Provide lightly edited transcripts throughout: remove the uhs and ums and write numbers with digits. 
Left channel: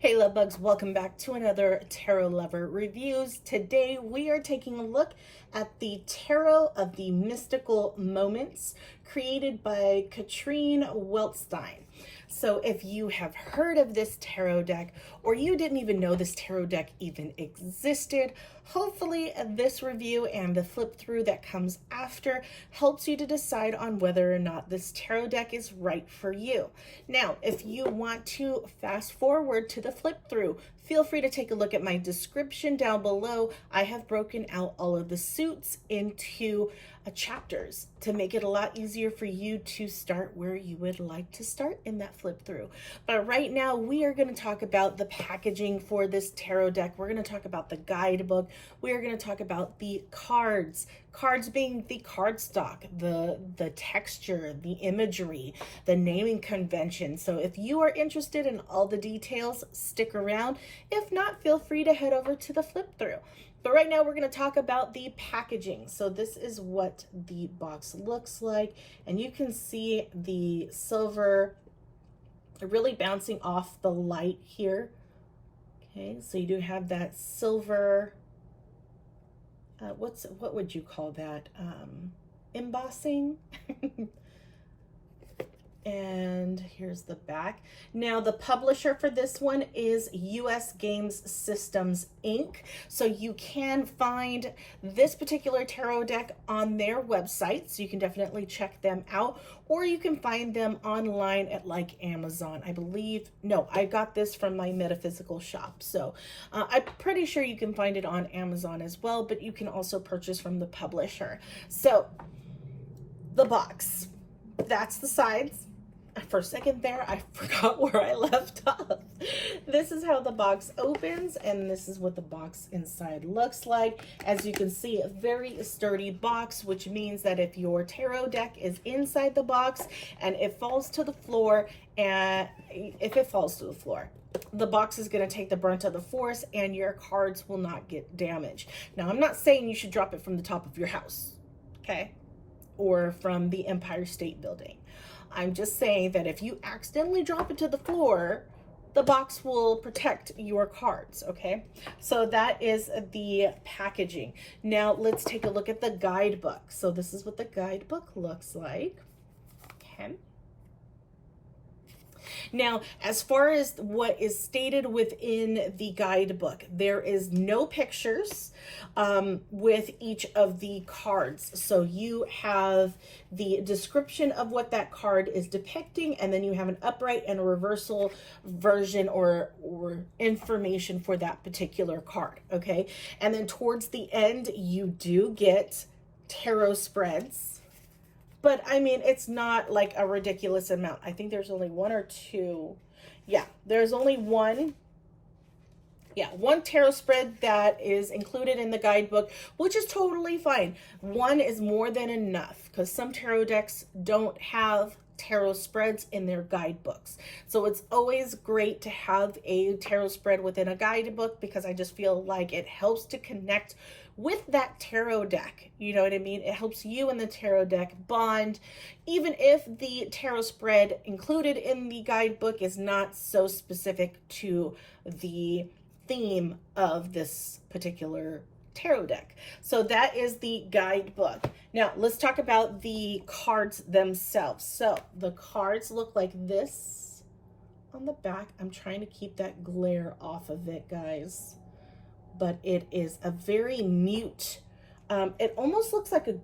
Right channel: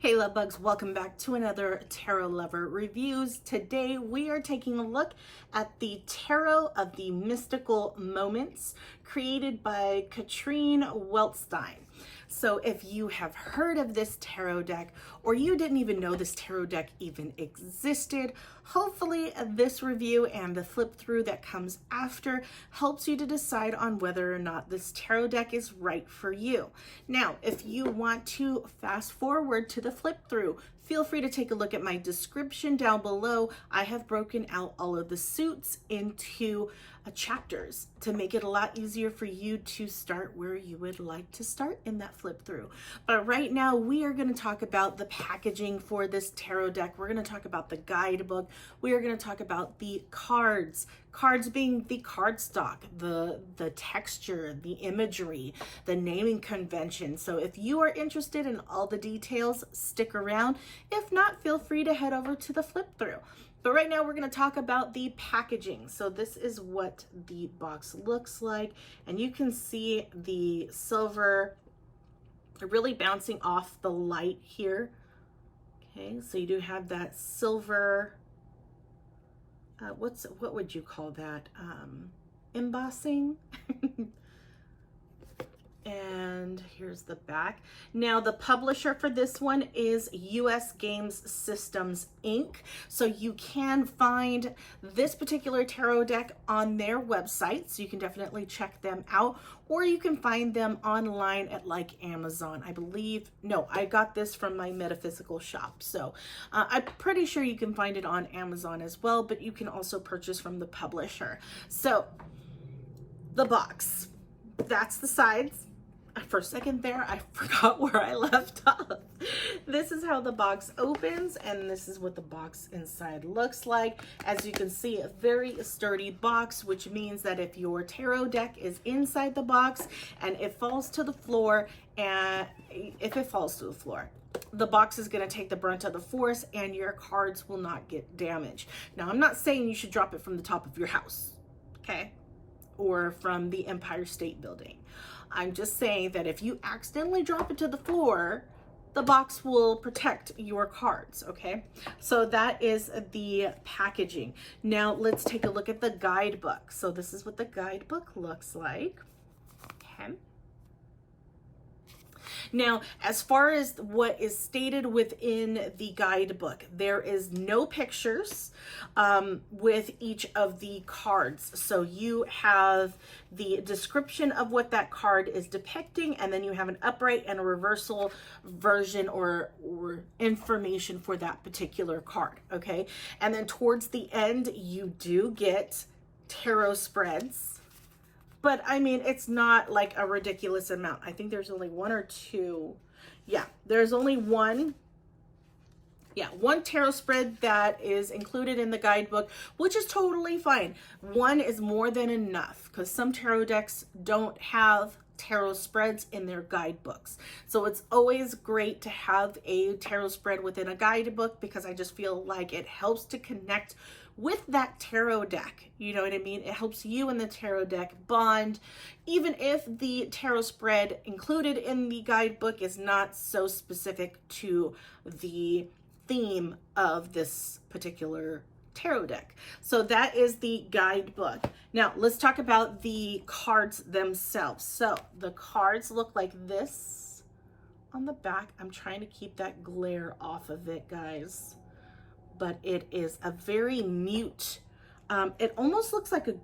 Hey love bugs, welcome back to another Tarot Lover Reviews. Today we are taking a look at the Tarot of the Mystical Moments created by Katrine Weltstein. So if you have heard of this tarot deck or you didn't even know this tarot deck even existed, hopefully this review and the flip through that comes after helps you to decide on whether or not this tarot deck is right for you. Now, if you want to fast forward to the flip through, feel free to take a look at my description down below. I have broken out all of the suits into chapters to make it a lot easier for you to start where you would like to start in that flip through. But right now we are going to talk about the packaging for this tarot deck. We're going to talk about the guidebook. We are going to talk about the cards being the cardstock, the texture, the imagery, the naming convention. So if you are interested in all the details, stick around. If not, feel free to head over to the flip through. But right now we're going to talk about the packaging. So this is what the box looks like. And you can see the silver really bouncing off the light here. Okay, so you do have that silver, what would you call that? Embossing. And here's the back. Now the publisher for this one is US Games Systems Inc. So you can find this particular tarot deck on their website. So you can definitely check them out, or you can find them online at like Amazon. I believe, no, I got this from my metaphysical shop. So I'm pretty sure you can find it on Amazon as well, but you can also purchase from the publisher. So the box, that's the sides. For a second there, I forgot where I left off. This is how the box opens, and this is what the box inside looks like. As you can see, a very sturdy box, which means that if your tarot deck is inside the box and it falls to the floor, the box is going to take the brunt of the force and your cards will not get damaged. Now, I'm not saying you should drop it from the top of your house, okay? Or from the Empire State Building. I'm just saying that if you accidentally drop it to the floor, the box will protect your cards, okay? So that is the packaging. Now let's take a look at the guidebook. So this is what the guidebook looks like, okay? Now, as far as what is stated within the guidebook, there is no pictures with each of the cards. So you have the description of what that card is depicting, and then you have an upright and a reversal version or information for that particular card, okay? And then towards the end, you do get tarot spreads. But I mean, it's not like a ridiculous amount. I think there's only one or two. Yeah, there's only one. Yeah, one tarot spread that is included in the guidebook, which is totally fine. One is more than enough because some tarot decks don't have tarot spreads in their guidebooks. So it's always great to have a tarot spread within a guidebook because I just feel like it helps to connect with that tarot deck. You know what I mean? It helps you and the tarot deck bond, even if the tarot spread included in the guidebook is not so specific to the theme of this particular tarot deck. So that is the guidebook. Now let's talk about the cards themselves. So the cards look like this on the back. I'm trying to keep that glare off of it, guys. But it is a very mute, it almost looks like a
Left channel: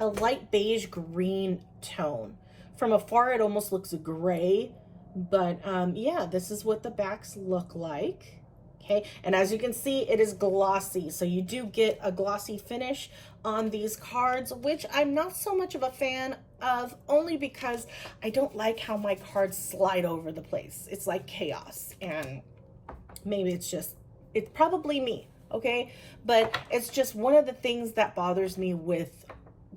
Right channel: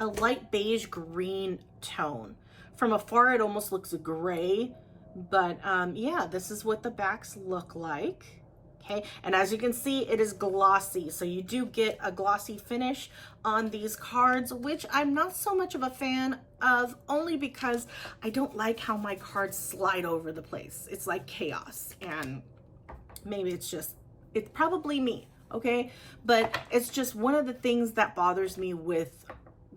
light beige green tone. From afar, it almost looks gray, but yeah, this is what the backs look like, okay? And as you can see, it is glossy, so you do get a glossy finish on these cards, which I'm not so much of a fan of, only because I don't like how my cards slide over the place. It's like chaos, and maybe it's probably me, okay? But it's just one of the things that bothers me with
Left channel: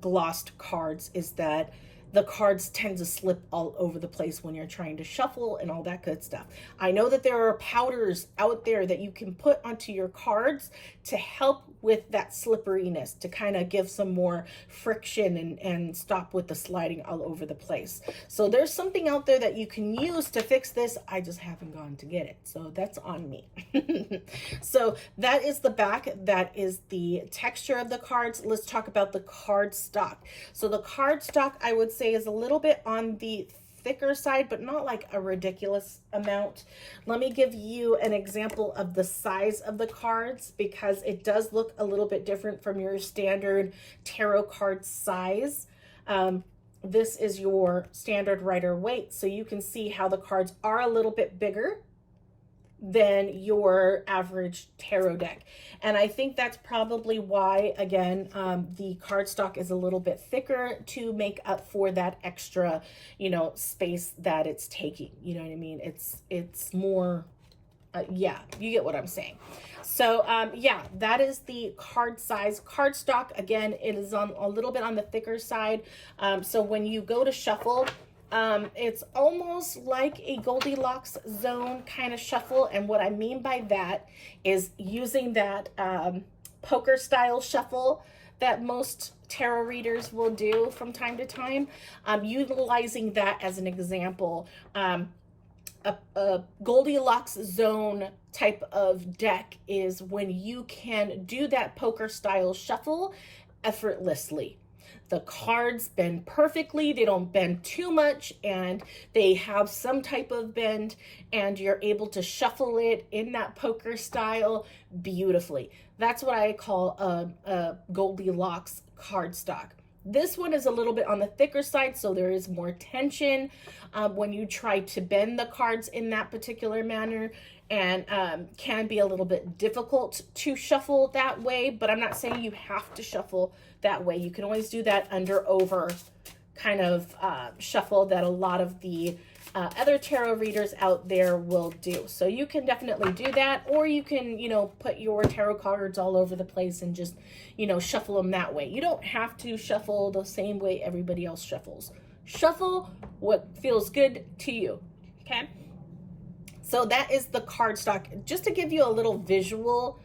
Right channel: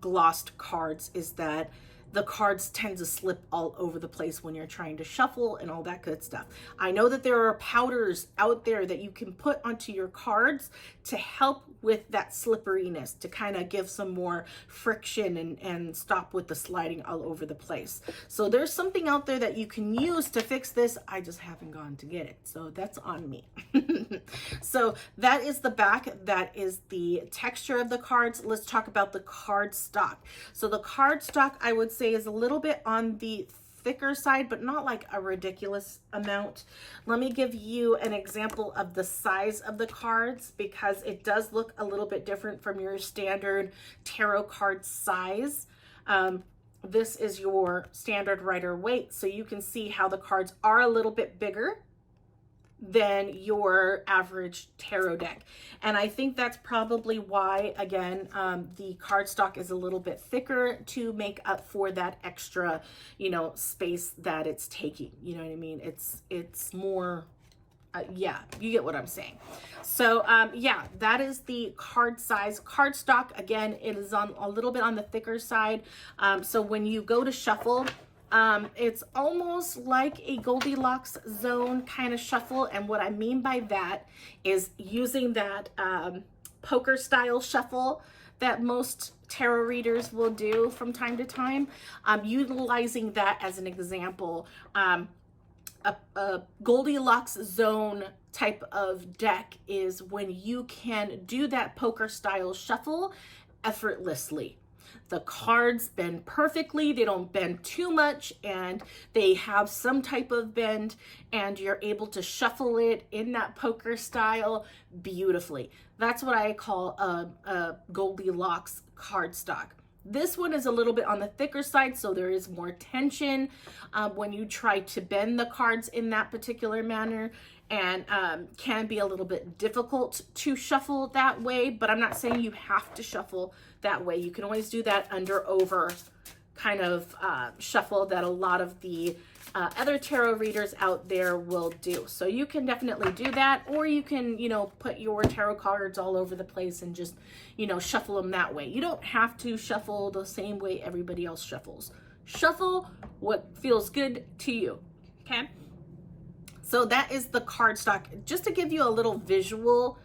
glossed cards is that the cards tend to slip all over the place when you're trying to shuffle and all that good stuff. I know that there are powders out there that you can put onto your cards to help with that slipperiness, to kind of give some more friction and stop with the sliding all over the place. So there's something out there that you can use to fix this. I just haven't gone to get it, so that's on me. So that is the back. That is the texture of the cards. Let's talk about the card stock. So the card stock, I would say, is a little bit on the thicker side, but not like a ridiculous amount. Let me give you an example of the size of the cards, because it does look a little bit different from your standard tarot card size. This is your standard Rider-Waite, so you can see how the cards are a little bit bigger than your average tarot deck. And I think that's probably why, again, the cardstock is a little bit thicker to make up for that extra, space that it's taking. You know what I mean? It's more, yeah, you get what I'm saying. So, yeah, that is the card size. Cardstock, again, it is on a little bit on the thicker side. So when you go to shuffle, it's almost like a Goldilocks zone kind of shuffle. And what I mean by that is using that poker style shuffle that most tarot readers will do from time to time, utilizing that as an example. A Goldilocks zone type of deck is when you can do that poker style shuffle effortlessly. The cards bend perfectly, they don't bend too much, and they have some type of bend, and you're able to shuffle it in that poker style beautifully. That's what I call a Goldilocks cardstock. This one is a little bit on the thicker side, so there is more tension when you try to bend the cards in that particular manner, and can be a little bit difficult to shuffle that way, but I'm not saying you have to shuffle that way. You can always do that under over kind of shuffle that a lot of the other tarot readers out there will do. So you can definitely do that, or you can, put your tarot cards all over the place and just, shuffle them that way. You don't have to shuffle the same way everybody else shuffles. Shuffle what feels good to you, okay? So that is the cardstock, just to give you a little visual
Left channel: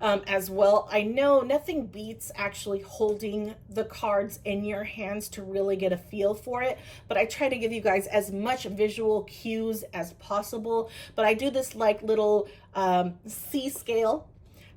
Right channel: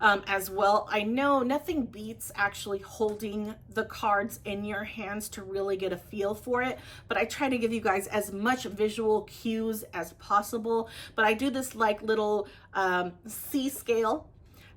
as well. I know nothing beats actually holding the cards in your hands to really get a feel for it, but I try to give you guys as much visual cues as possible. But I do this like little C scale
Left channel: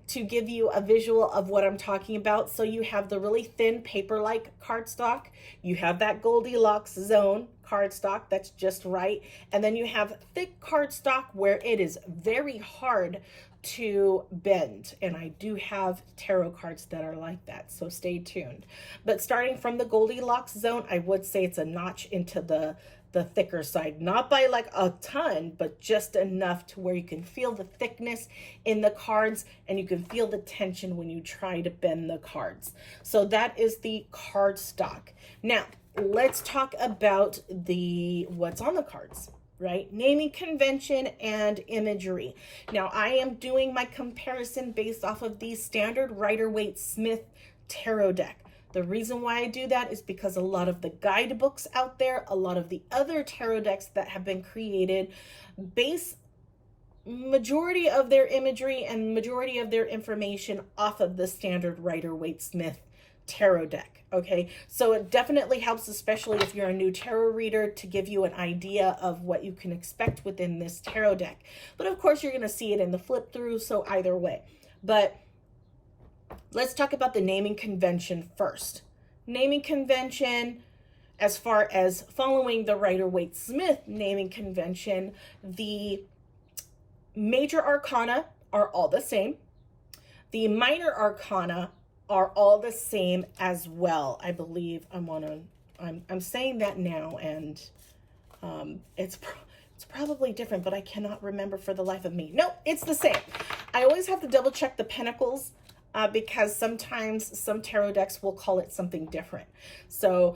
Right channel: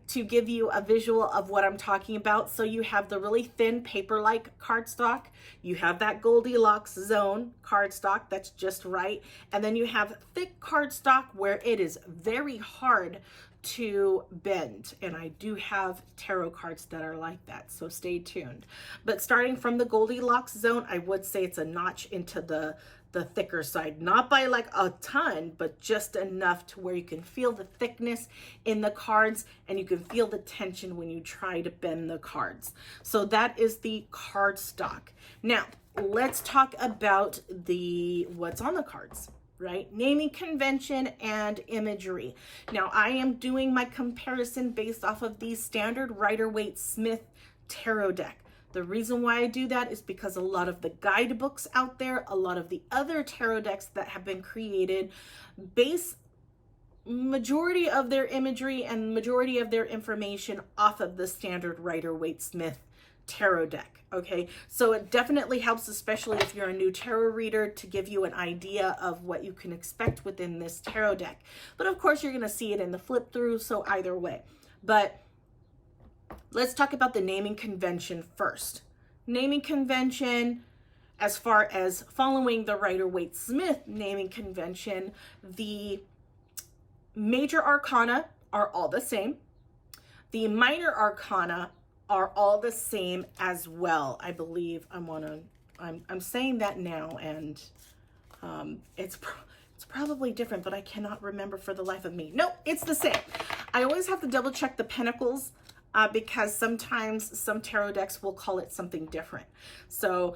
to give you a visual of what I'm talking about. So you have the really thin paper-like cardstock, you have that Goldilocks zone cardstock that's just right, and then you have thick cardstock where it is very hard to bend, and I do have tarot cards that are like that, so stay tuned. But starting from the Goldilocks zone, I would say it's a notch into the thicker side, not by like a ton, but just enough to where you can feel the thickness in the cards and you can feel the tension when you try to bend the cards. So that is the card stock. Now let's talk about what's on the cards, right? Naming convention and imagery. Now I am doing my comparison based off of the standard Rider-Waite Smith tarot deck. The reason why I do that is because a lot of the guidebooks out there, a lot of the other tarot decks that have been created, base majority of their imagery and majority of their information off of the standard Rider-Waite Smith tarot deck. Okay, so it definitely helps, especially if you're a new tarot reader, to give you an idea of what you can expect within this tarot deck. But of course, you're going to see it in the flip through, so either way. But let's talk about the naming convention first. Naming convention, as far as following the Rider-Waite Smith naming convention, the major arcana are all the same. The minor arcana are all the same as well. I believe I'm saying that now, and it's probably different, but I cannot remember for the life of me. No, it's the same. I always have to double check the Pentacles because sometimes some tarot decks will call it something different. So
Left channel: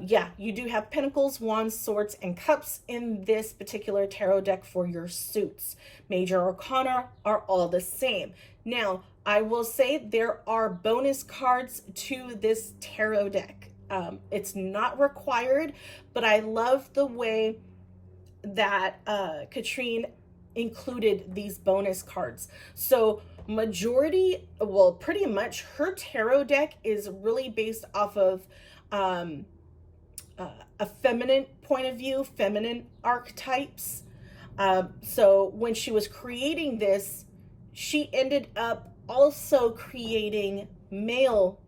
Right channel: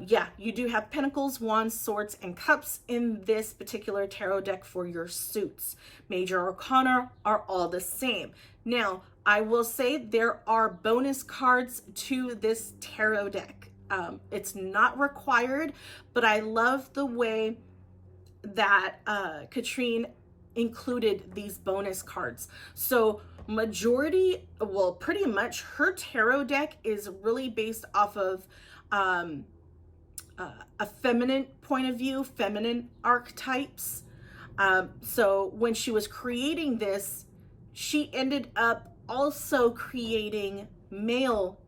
yeah, you do have Pentacles, Wands, Swords, and Cups in this particular tarot deck for your suits. Major arcana are all the same. Now, I will say there are bonus cards to this tarot deck. It's not required, but I love the way that Katrine included these bonus cards. So majority, well, pretty much her tarot deck is really based off of a feminine point of view, feminine archetypes. So when she was creating this, she ended up also creating male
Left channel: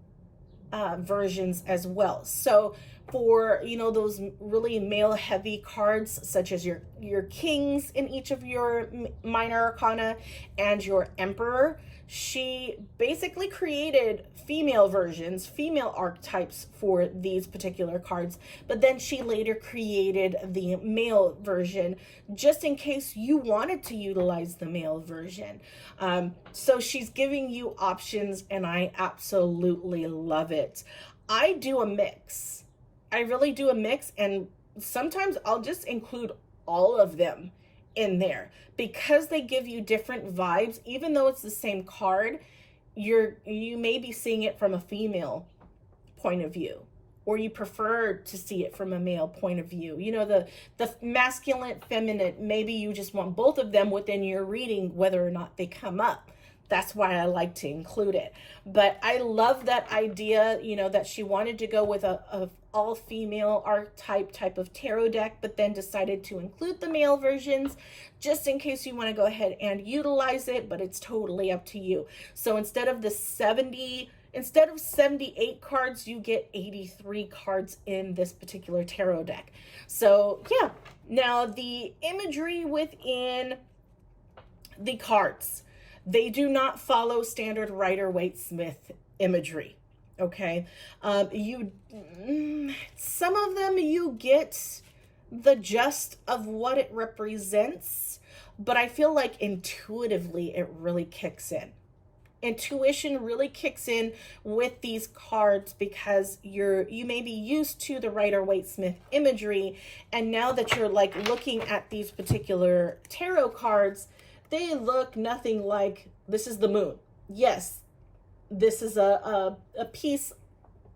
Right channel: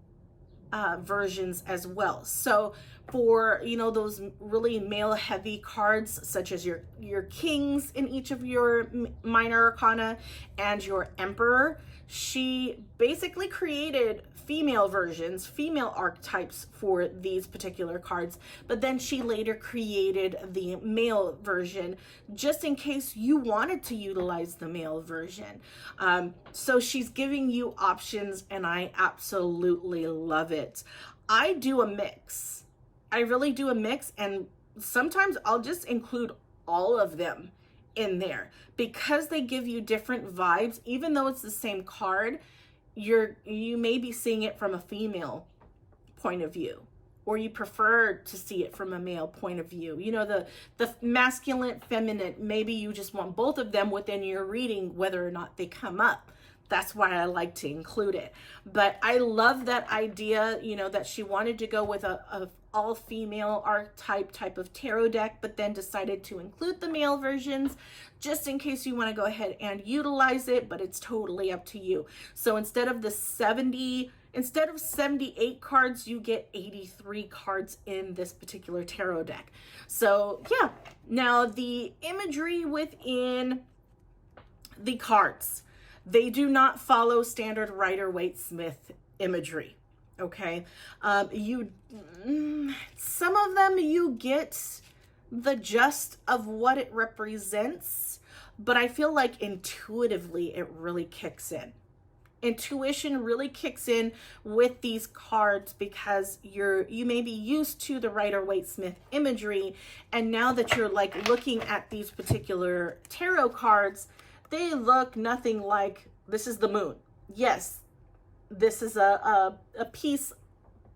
versions as well. So for, you know, those really male heavy cards, such as your kings in each of your minor arcana and your emperor, she basically created female versions, female archetypes for these particular cards, but then she later created the male version just in case you wanted to utilize the male version. So she's giving you options, and I absolutely love it. I do a mix. I really do a mix, and sometimes I'll just include all of them in there because they give you different vibes. Even though it's the same card, you may be seeing it from a female point of view, or you prefer to see it from a male point of view. You know, the masculine, feminine, maybe you just want both of them within your reading, whether or not they come up. That's why I like to include it. But I love that idea, you know, that she wanted to go with a all-female archetype type of tarot deck, but then decided to include the male versions just in case you want to go ahead and utilize it, but it's totally up to you. So instead of 78 cards, you get 83 cards in this particular tarot deck. So yeah, now the imagery within the cards, they do not follow standard Rider-Waite-Smith imagery. Okay, some of them you get the gist of what it represents, but I feel like intuitively it really kicks in. Intuition really kicks in with these cards because you may be used to the Rider-Waite-Smith imagery, and now that you're like looking at these particular tarot cards, they look nothing like, this is the moon. Yes, this is a piece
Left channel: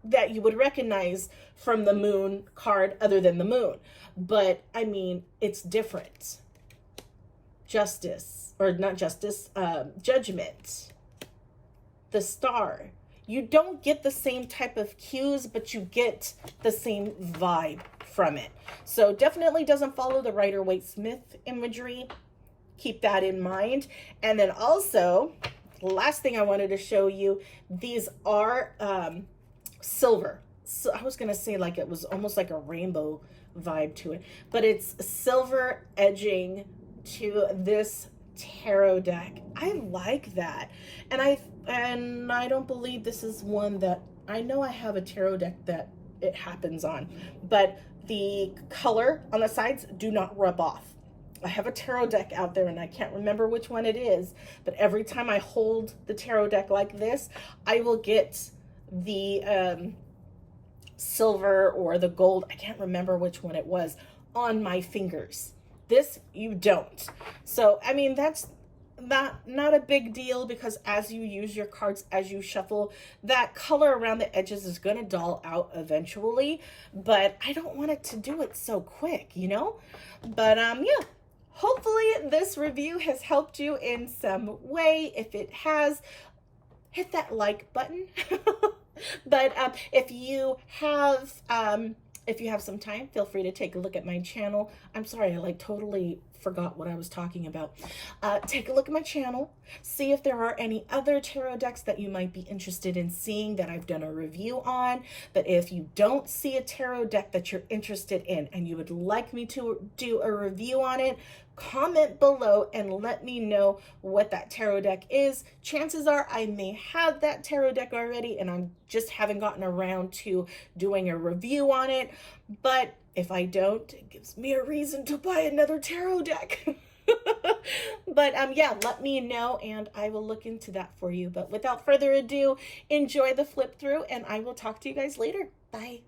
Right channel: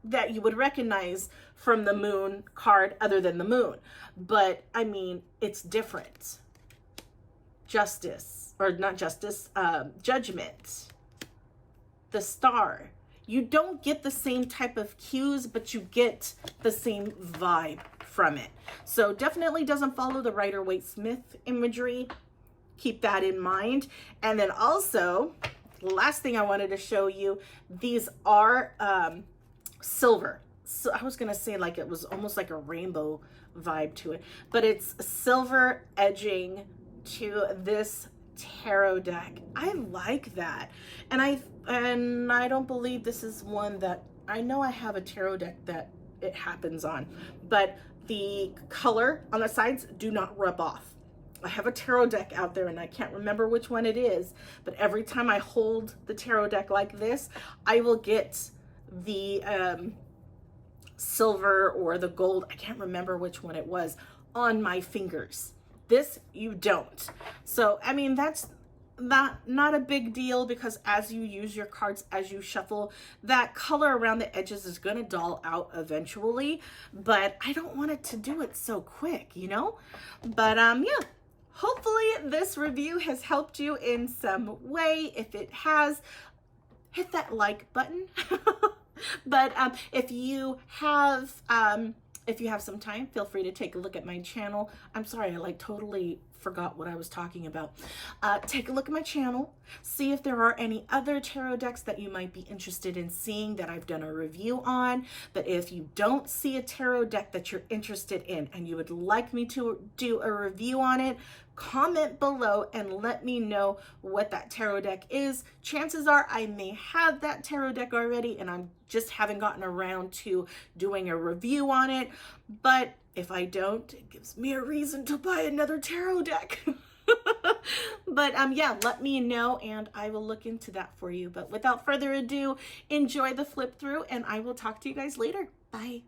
that you would recognize from the moon card other than the moon. But I mean, it's different. Justice, or not justice, judgment, the star. You don't get the same type of cues, but you get the same vibe from it. So definitely doesn't follow the Rider-Waite-Smith imagery. Keep that in mind. And then also, last thing I wanted to show you, these are silver. So I was going to say like it was almost like a rainbow vibe to it, but it's silver edging to this tarot deck. I like that. And I don't believe this is one that, I know I have a tarot deck that it happens on, but the color on the sides do not rub off. I have a tarot deck out there and I can't remember which one it is, but every time I hold the tarot deck like this, I will get the silver or the gold, I can't remember which one it was, on my fingers. This you don't. So I mean, that's not a big deal, because as you use your cards, as you shuffle, that color around the edges is going to dull out eventually, but I don't want it to do it so quick, you know. But yeah, hopefully this review has helped you in some way. If it has, hit that like button. But if you have some time, feel free to take a look at my channel. I'm sorry, I like totally forgot what I was talking about. Take a look at my channel, see if there are any other tarot decks that you might be interested in seeing that I've done a review on. But if you don't see a tarot deck that you're interested in and you would like me to do a review on it, comment below and let me know what that tarot deck is. Chances are I may have that tarot deck already and I just haven't gotten around to doing a review on it. But if I don't, it gives me a reason to buy another tarot deck. But yeah, let me know and I will look into that for you. But without further ado, enjoy the flip through and I will talk to you guys later. Bye.